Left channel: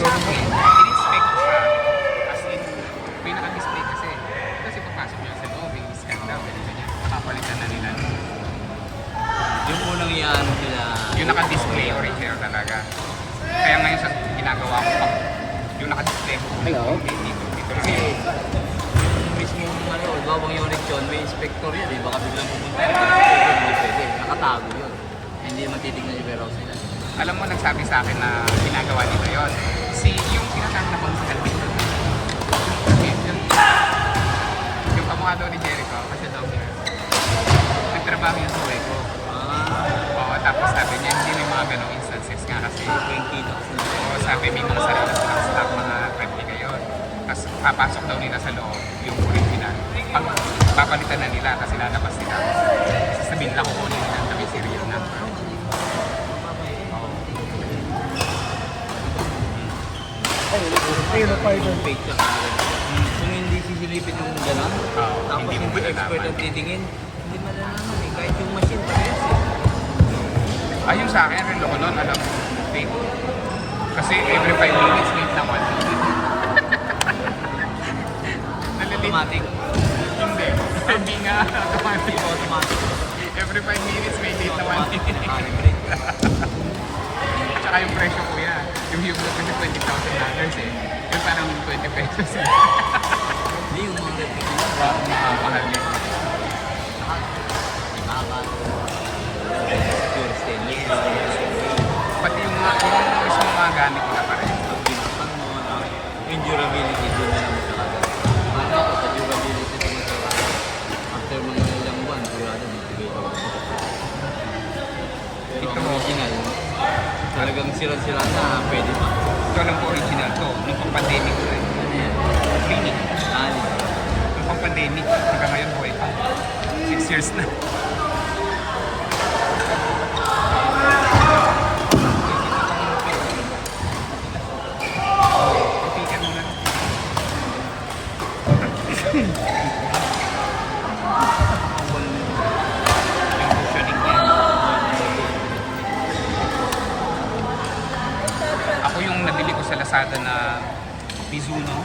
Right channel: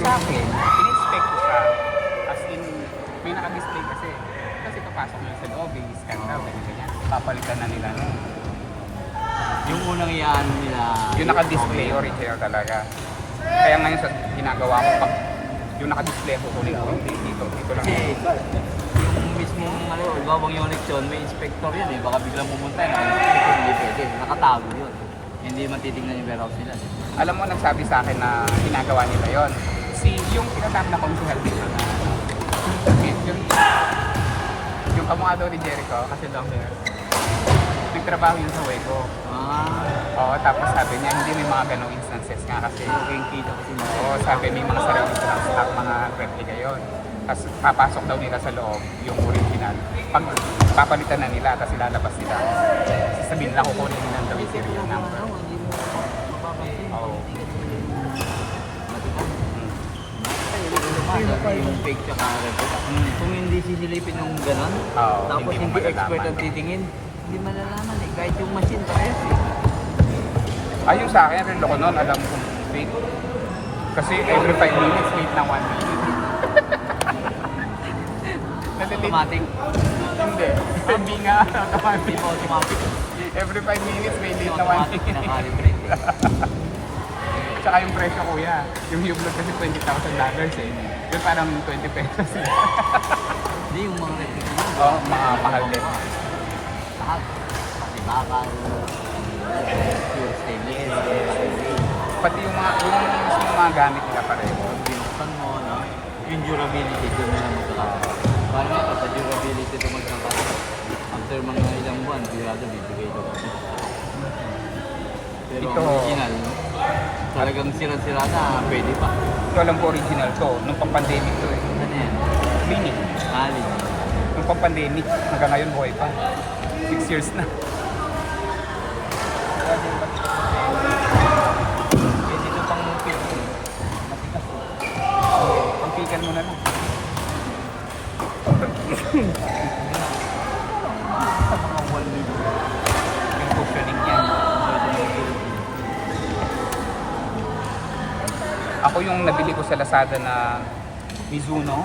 Sa akin, in-expect ko siya. As in, may naka-display kasi. Kasi papasok mo yung sa loob, i-scan daw, ganyan. Papalitan na nila, no? Yung unang iyan nila. Yung naka-display, original talaga. Kaya ngayon sa ginagawa ko, pag yung naka-display ko, dito lang. Yung mismo ano, gawang unit yun, may inspector yun eh. Baka biglang pumunta yung inspector, hindi pwede. Nakatago yun. Hindi man titignan yung warehouse nila. Alam mo, nagsabi sa akin na ginagawa nila yun. Yung tinatawag na concealed dito. Yung kamukha daw ni Jericho, kasi daw niya. Nagtrabaho yung suway ko. Oo, tapos sabi niya, hindi may mga ganong instances nga kasi 20 Oo, sabi may mga sarili sa stock, mga 20 ngayon. Tapos papasok daw nila sa loob, yung original. Pag papalitan na nila, kasi lalabas nila. Sasabihin lang kukunin nila ng gawin serial number. Oo. Yung fake siya kung hindi sisilipin ng gano'n, Oo, tapos hindi mo hindi expert malalaman. ang titingin, hindi malalaman eh. Kahit yung machine parehas eh. Ayun sa akin, yung loko nun, alam, wait. Kasi every 5 minutes, wait na 1 minute. Automatic. Hindi. Hindi nga. Hindi mo automatic. Every 5 minutes, may wait na 1 minute. Nakalibrate. Tsaka yung presyo kuya, yung Hublot kasi $20,000 eh. Yung parang 20 pesos eh. Hindi yung mga nagtitignan. Oo, mahal din. Pure stainless. Pati yung mismo mga gamit nila pa rin. Yung durability doon na yung nakakatawa. Parang sa durability ito magkakatawa. After mga ilang buwan, sigurado bibigay ito. Pero Ito. ang original, talagang sira-sira na, pwede pa. Ito lang po original ko, nung pang-pandemic ko eh. Ano yan? Clinic. Ali. Nung pang-pandemic, hanggang ngayon buhay pa. 6 years na. Pang-pikan mo na lang. Yung cushioning niya. Ako yung nabili ko sa Lazada na Mizuno,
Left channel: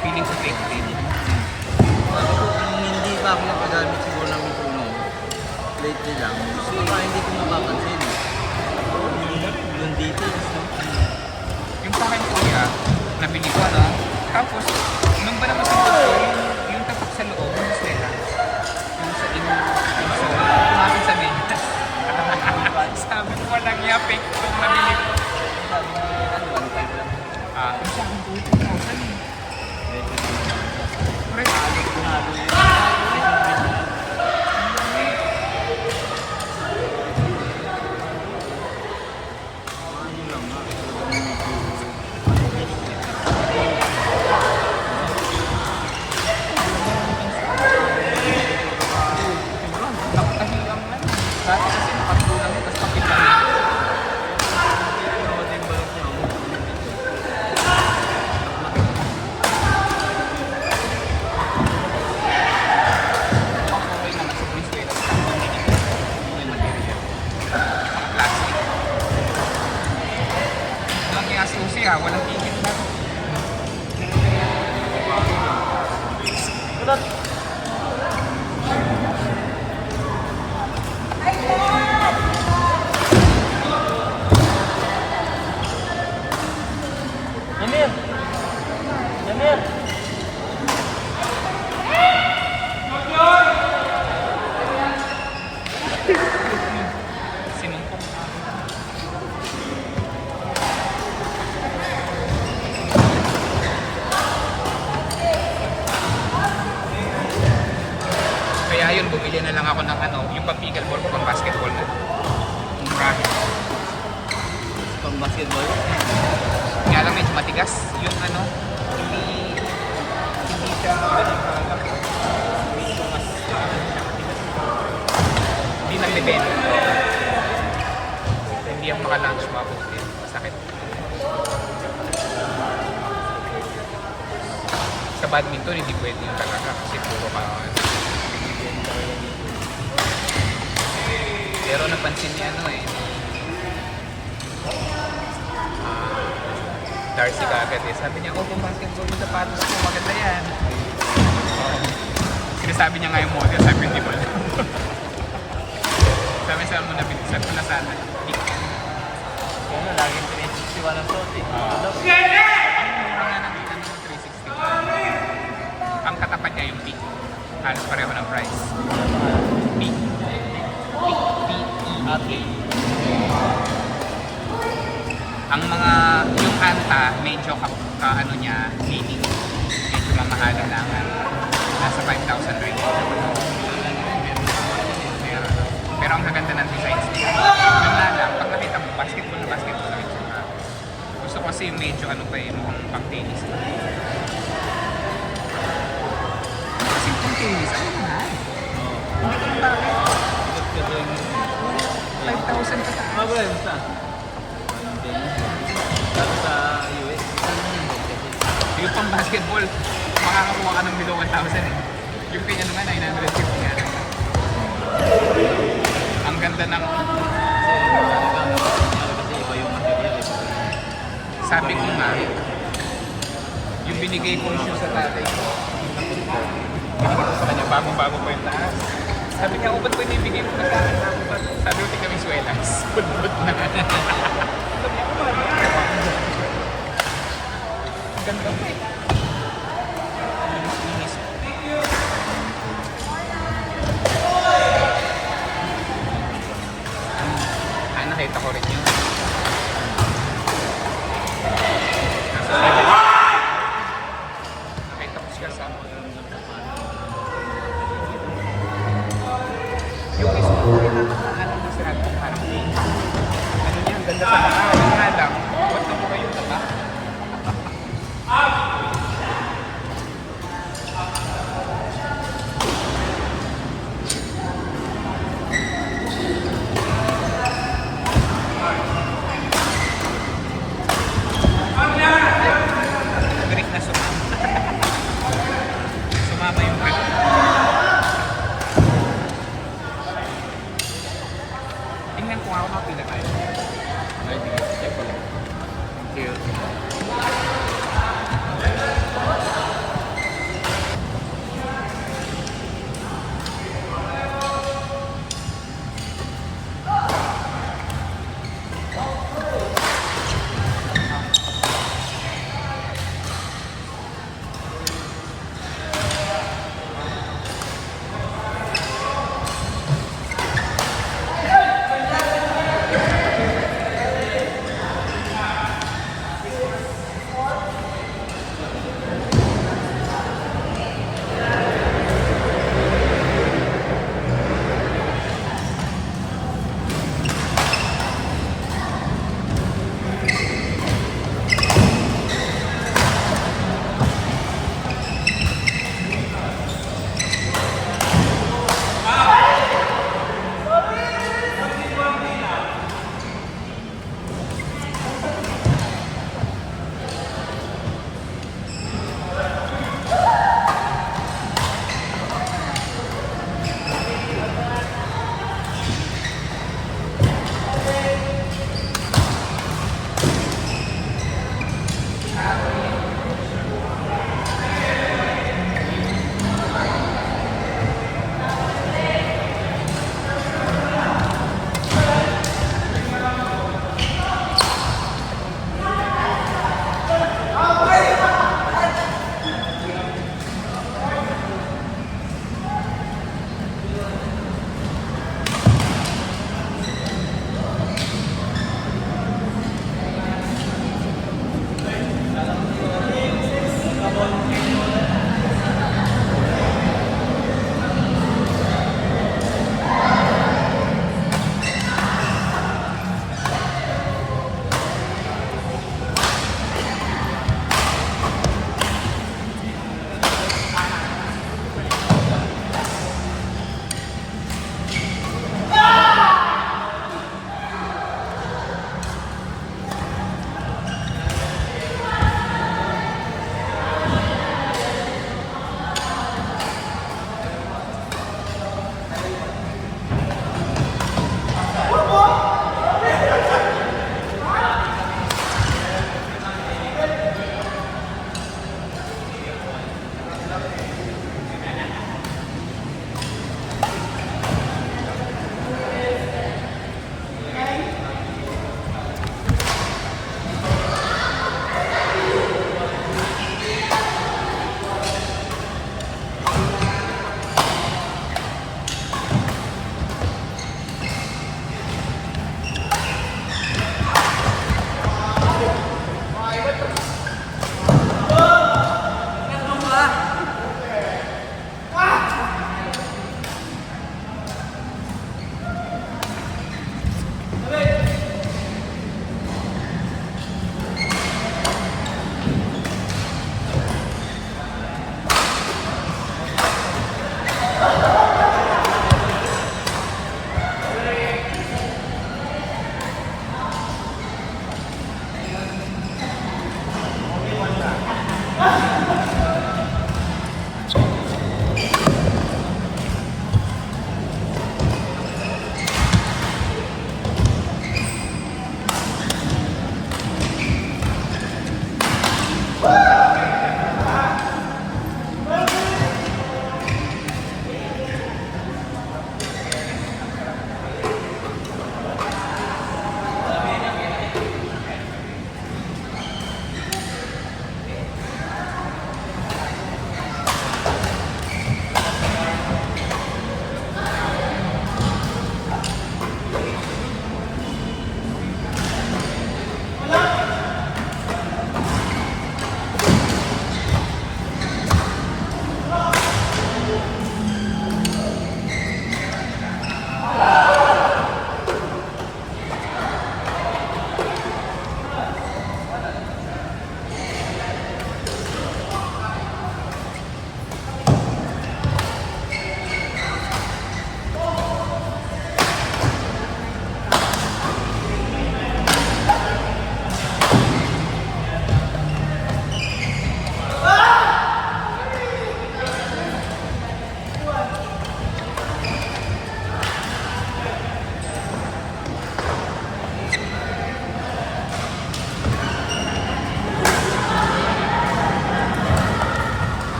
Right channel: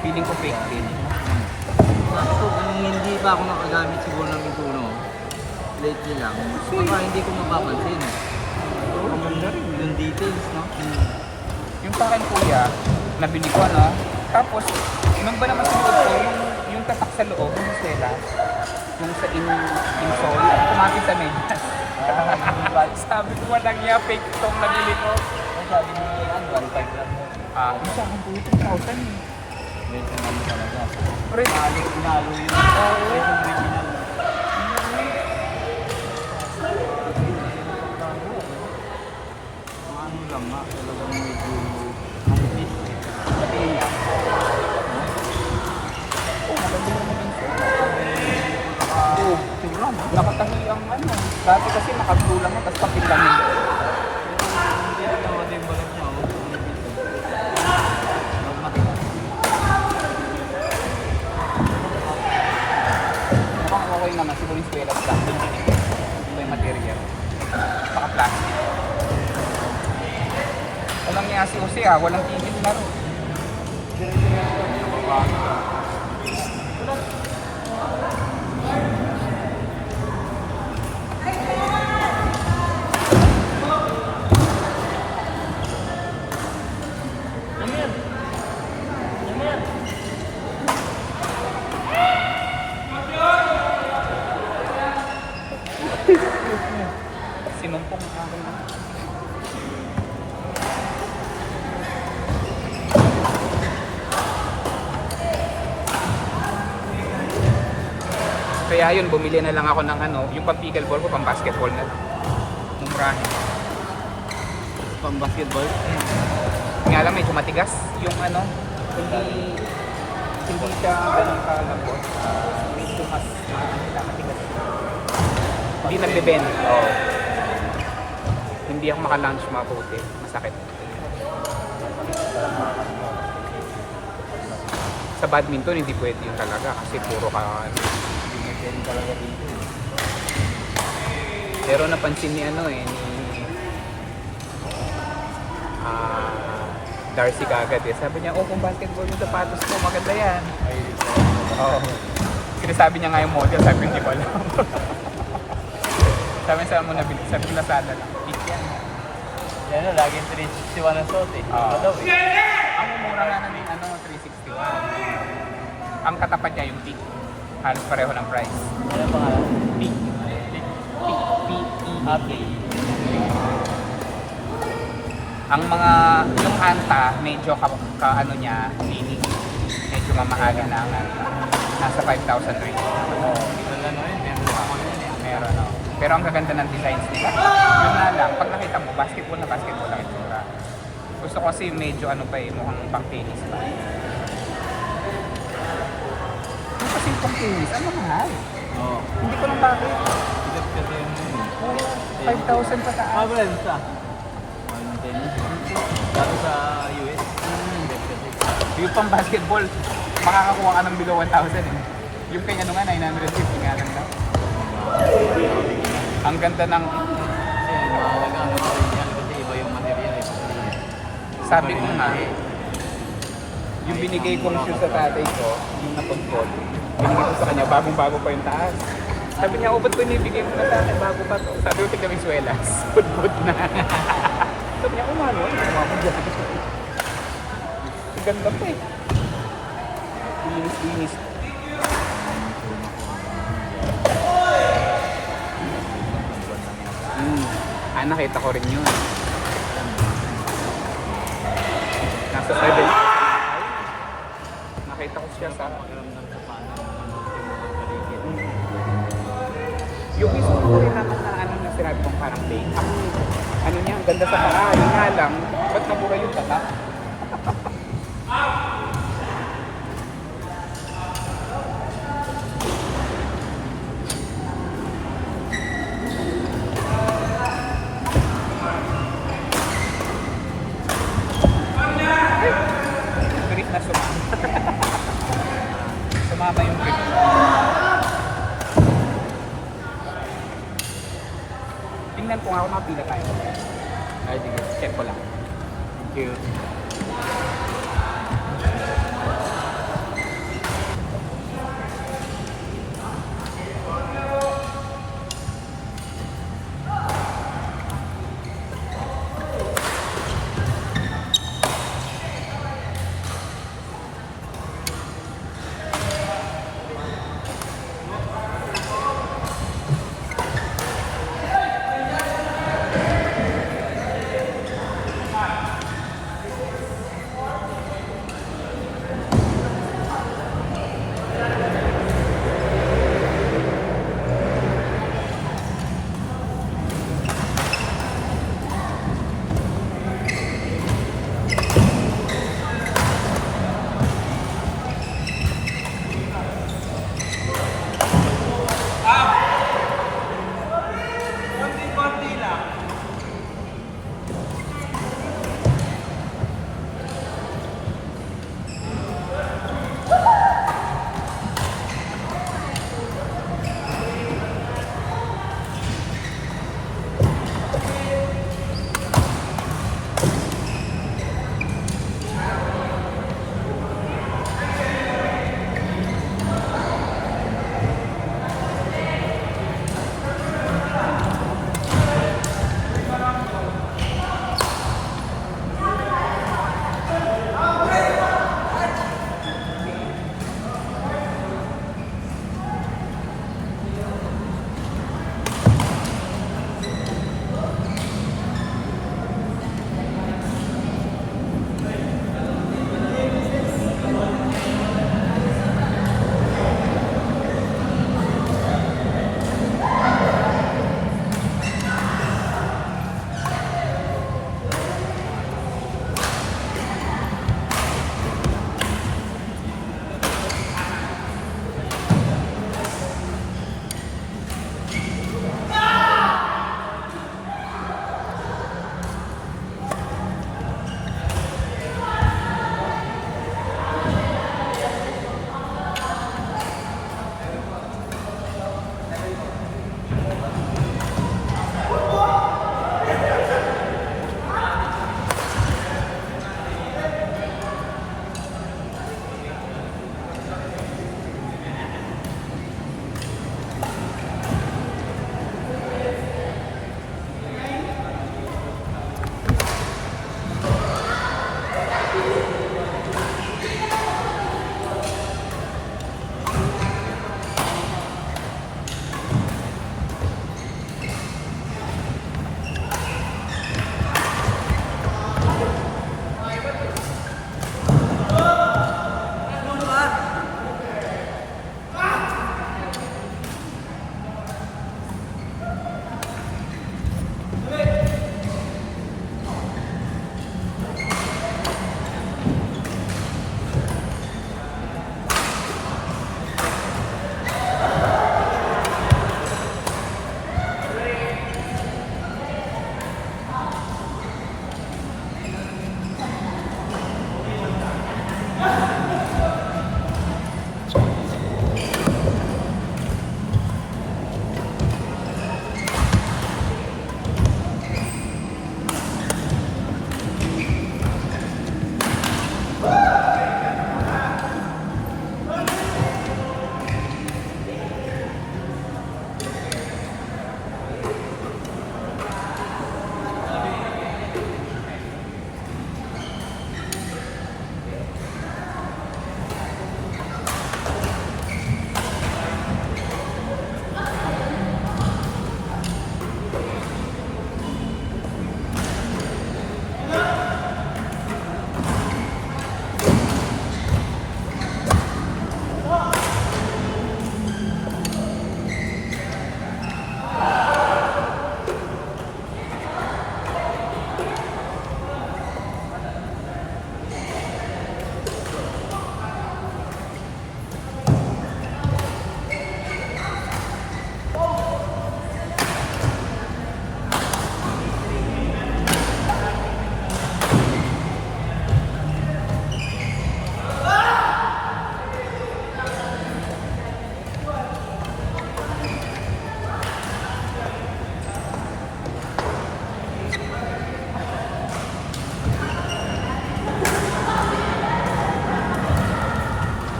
feeling ko fake din. Kung hindi pa ako nakagamit siguro ng Mizuno, late din lang. So, hindi ko mapapansin. Yung details. Yung sa akin kuya, nabili ko no. Tapos, nung ba naman sa ko, yung tatak sa loob, yung swela, yung sa yung sole, natin sa medyas. Sabi ko, walang niya, fake itong nabili ko. Yung sa akin po, 2,000 eh. Pre, nakatahi ang ano. Dati kasi nakatulang mo, tapos pakilang mo. Okay naman siguro yung swela sa yung material. Saka plastic. Walang yung susi walang tingin na. Jamil! Jamil! Sinumpok na ako. Kaya yun, bumili na lang ako ng ano, yung pang-pickleball ko, pang-basketball na. Mumurahin. Pang basketball. Kaya lang medyo matigas yung ano, hindi siya medyo mas matigas. Hindi naglibend. Hindi ako maka-lunch mabuti. Sakit. Sa badminton, hindi pwede yun talaga kasi puro ka. Pero napansin ni ano ni Darcy kagad eh. Sabi niya, oh, kung basketball yung sapatos ko, maganda yan. Sinasabi niya nga yung model, sabi hindi ba alam. Sabi sa mo nabili, sabi ko na sana. Yan na, laging 361 ang suot eh. Oo. Ano daw? Ang mura nga ng 361. Ang katapat niya yung peak. Halos pareho ng price. Peak. P-E-E. Ang mga, yung Anta, medyo ano niya, meaning, medyo mamahalan lang. Nasa 5,000 rin. Meron. Pero ang gaganda ng designs nila. Yun nga lang, pag nakita mo, basketball lang yung sura. Gusto ko kasi medyo ano pa eh, mukhang pang tennis pa. Kasi pang tennis, ano mahal? Hindi ko lang bakit. 5,000 pa taas. Bago lang sa US. Yung pang basketball, makakakuha ka ng below 1,000 eh. Yung pinyano nga, 950 nga lang. Ang ganda ng... Sabi ko nga, yung binigay kong shoe sa tatay ko, yung napon ko, binigay ko sa kanya, bago-bago pa yung taas. Sabi niya, oh, ba't ko inibigay mo na sa akin bago pa? Sabi ko, tignan yung swelas. Good na. Sabi ko, maro. Ang ganda pa eh. Linis. Nakita ko rin yun. Nasa 7. Nakita ko siya sa... Yung mismo ko rin ano yung sinabi kong hurricane. Ano niya, ang ganda sa mga. Yung nga lang, ba't na mo ba yung tatak? Grip na sumama. Sumama yung grip. Tingnan ko nga kung mapila tayo. Ay, sige. Check ko lang. Thank you.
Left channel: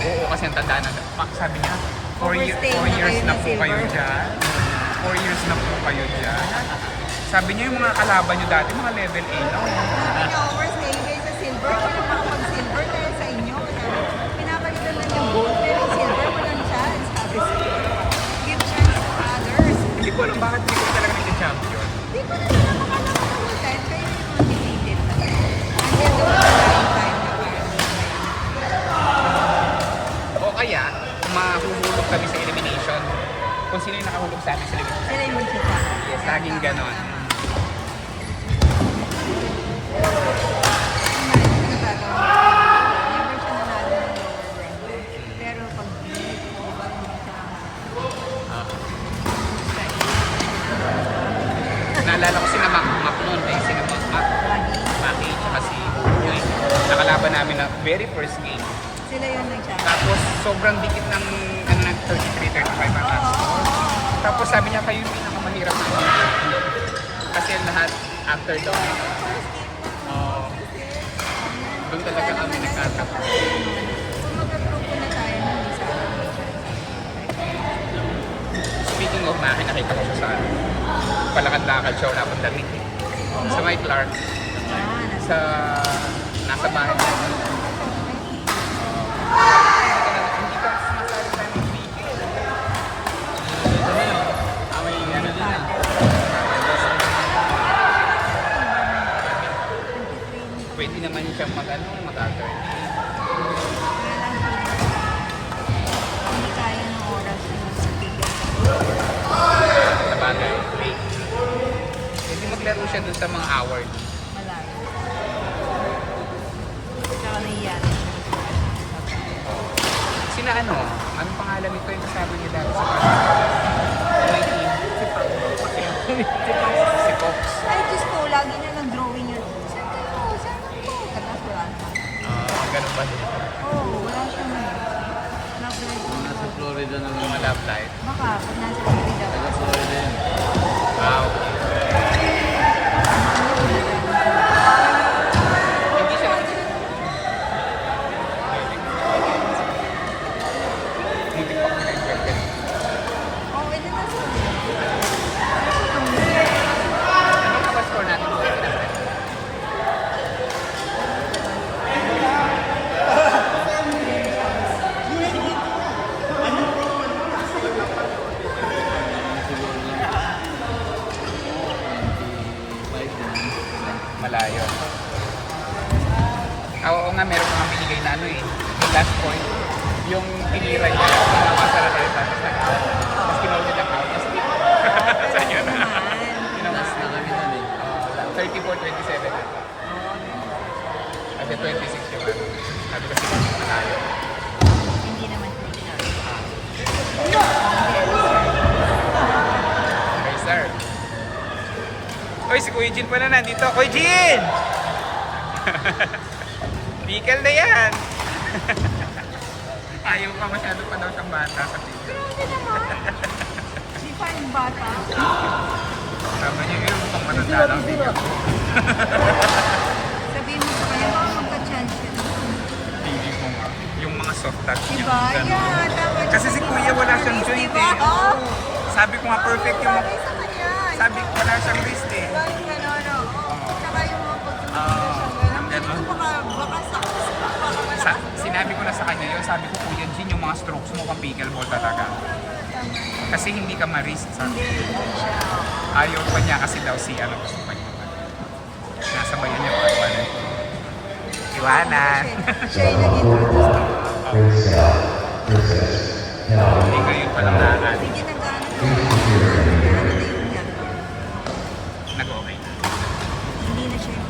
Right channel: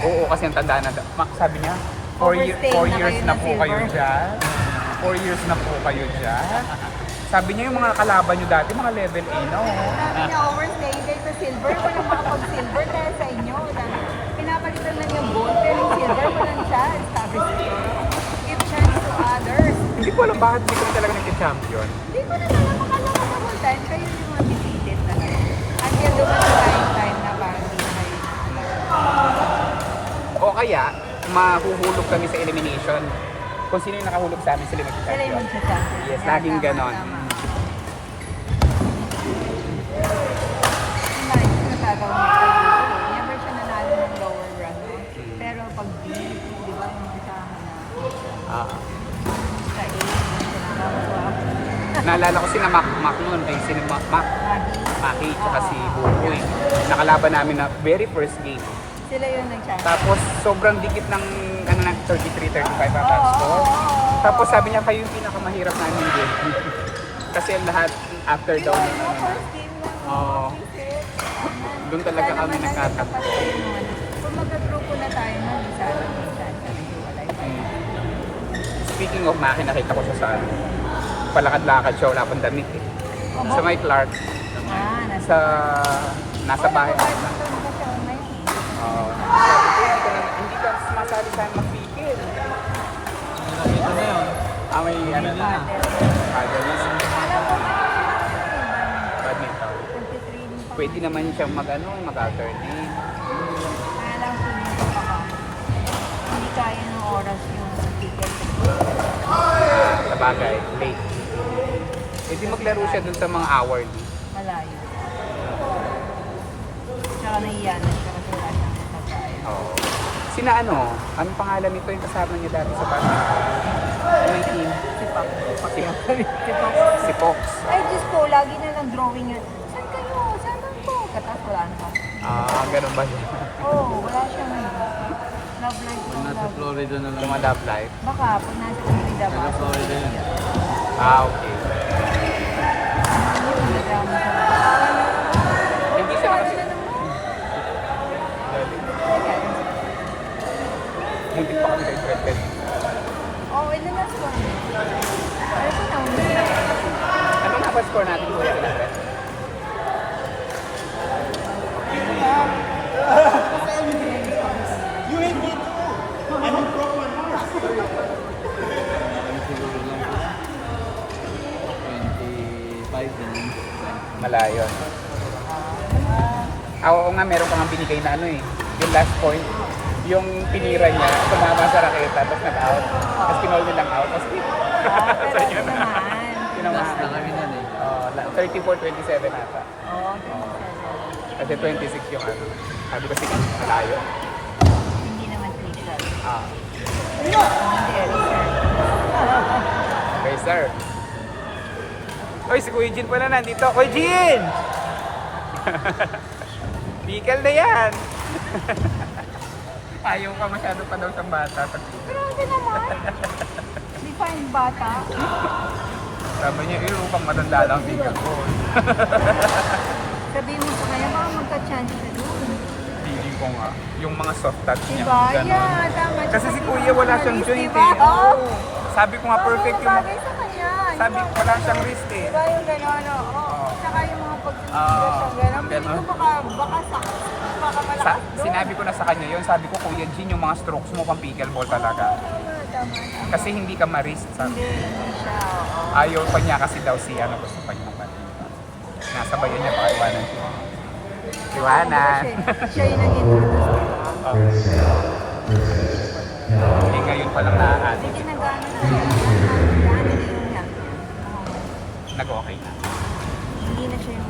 Oo, kasi ang tanda na. Sabi niya, 4 years na po kayo dyan. 4 years na po kayo dyan. Sabi niya yung mga kalaban niyo dati, mga level A na oh. Sabi niyo, overstay kayo sa silver. Kaya pang silver dahil sa inyo. Pinapalitan lang yung gold. Kaya yung silver yung chance. Sabi siya. Give chance to others. Hindi ko alam bakit hindi ko talaga nag-champion. Hindi ko kahit kayo yung defeated. Until the time na O kaya, mahuhulog kami sa elimination. Kung sino yung nakahulog sa amin sa sila yung elimination. magkita. Yes, laging ganon. Ah. Naalala ko si na Mac noon, eh, si na Mac, Maki, tsaka si Buboy. Nakalaban namin na very first game. Sila yung nag-champion. Tapos sobrang dikit ng ano ng 33-35 ang score. Tapos sabi niya kayo yung pinakamahirap na hindi. Kasi ang lahat after daw. Doon talaga kami nagtatapos. Speaking of Maki, nakita ko siya sa ano, palakad-lakad siya, wala pang damit. Sa may Clark, sa nasa bahay namin. Hindi ka sumasali sa aming pigil. Aming ano na. Pwede naman siyang mag-ano, mag-attorney. Hindi kaya ng oras yung certificate. Sa bagay, wait. Pwede maglaro siya dun sa mga hourly. Malayo. Tsaka naiyak. Oo. Sina ano? Anong pangalan nito yung kasama niya dati sa bahay? Si Fox. Ay, Diyos ko, lagi na lang drawing yun. Tapos wala na. Ganun ba din? Oo, wala siyang love life. Sa Florida na lang. Mga love life? Baka, pag nasa Florida. Florida yun. Okay. Hindi siya hindi pa kami nag-graduate. Oo, pwede na sila. Ano pa score natin po ito na friend? Siguro niya. 25 din. Malayo. Oo nga, meron kang binigay na ano eh. Yung last point, yung tinira niya, tumama sa raketa, tapos nag-out. Tapos kinaw niya lang out. Tapos sa inyo na. Kinawas na. Kami nun eh. 34-27 ata. Kasi 26 yung ano. Sabi kasi malayo. Hindi naman sila. Ah. Okay, sir. Oy, si Kuya Jin pala nandito. Kuya Jin! Pickle na yan! Ayaw pa masyado pa daw siyang bata sa pickle. Di pa yung bata. Sabi niya, biro pang matanda lang pickle ko. Sabihin mo sa kanya, baka magka-chance. Hindi ko nga. Yung mga soft touch niya. Diba? Ganon. Yan, dapat Kasi si Kuya wala siyang joint diba? eh. Oo. Sabi ko nga perfect yung mga... Sabi ko wala siyang wrist eh. Diba yung gano'n, oo. Oo. Tsaka yung mga Ah, pag-gano'n. Pwede ganon. ko baka Sinabi ko na sa kanya yun, sabi ko Kuya Jin, yung mga strokes mo pang pickleball talaga. Kasi hindi ka ma-risk, sabi ko. Ayaw pa niya kasi daw si ano, gusto pa niya pa. Nasa bayo niya, baka iwanan siya. Iwanan! siya yung nag-introduce. Ngayon pa lang nakakali. Bigyan ng gano'n. Nag-okay na. Hindi na siya yung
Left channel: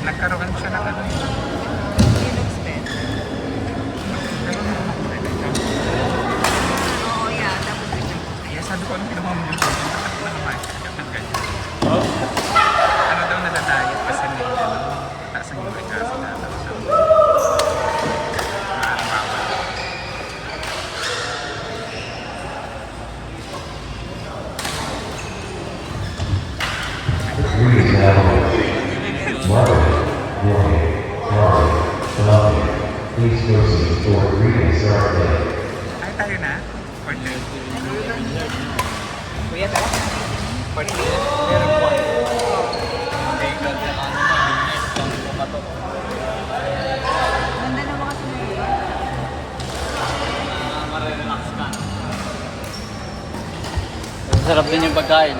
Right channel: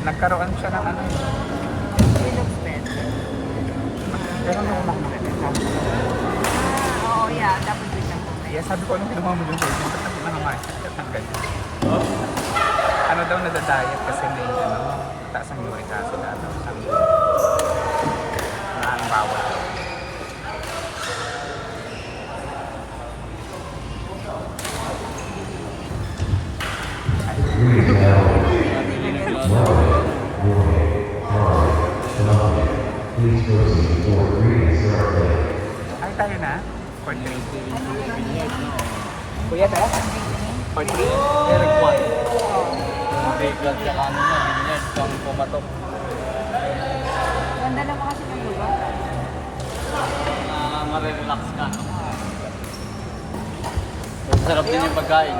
Nagkaroon siya ng ano. Pero nung Oo, yeah. kaya sabi ko, anong ginawa mo yung pwede? Bakit naman? Ano daw nadadayat kasi may ano, taas ang uric acid na bawal daw. Please proceed for previous start play. Ay, tayo na? For 3. Kuya, tara. For 3. Ganda naman kasi ngayon. Sarap din yung pagkain.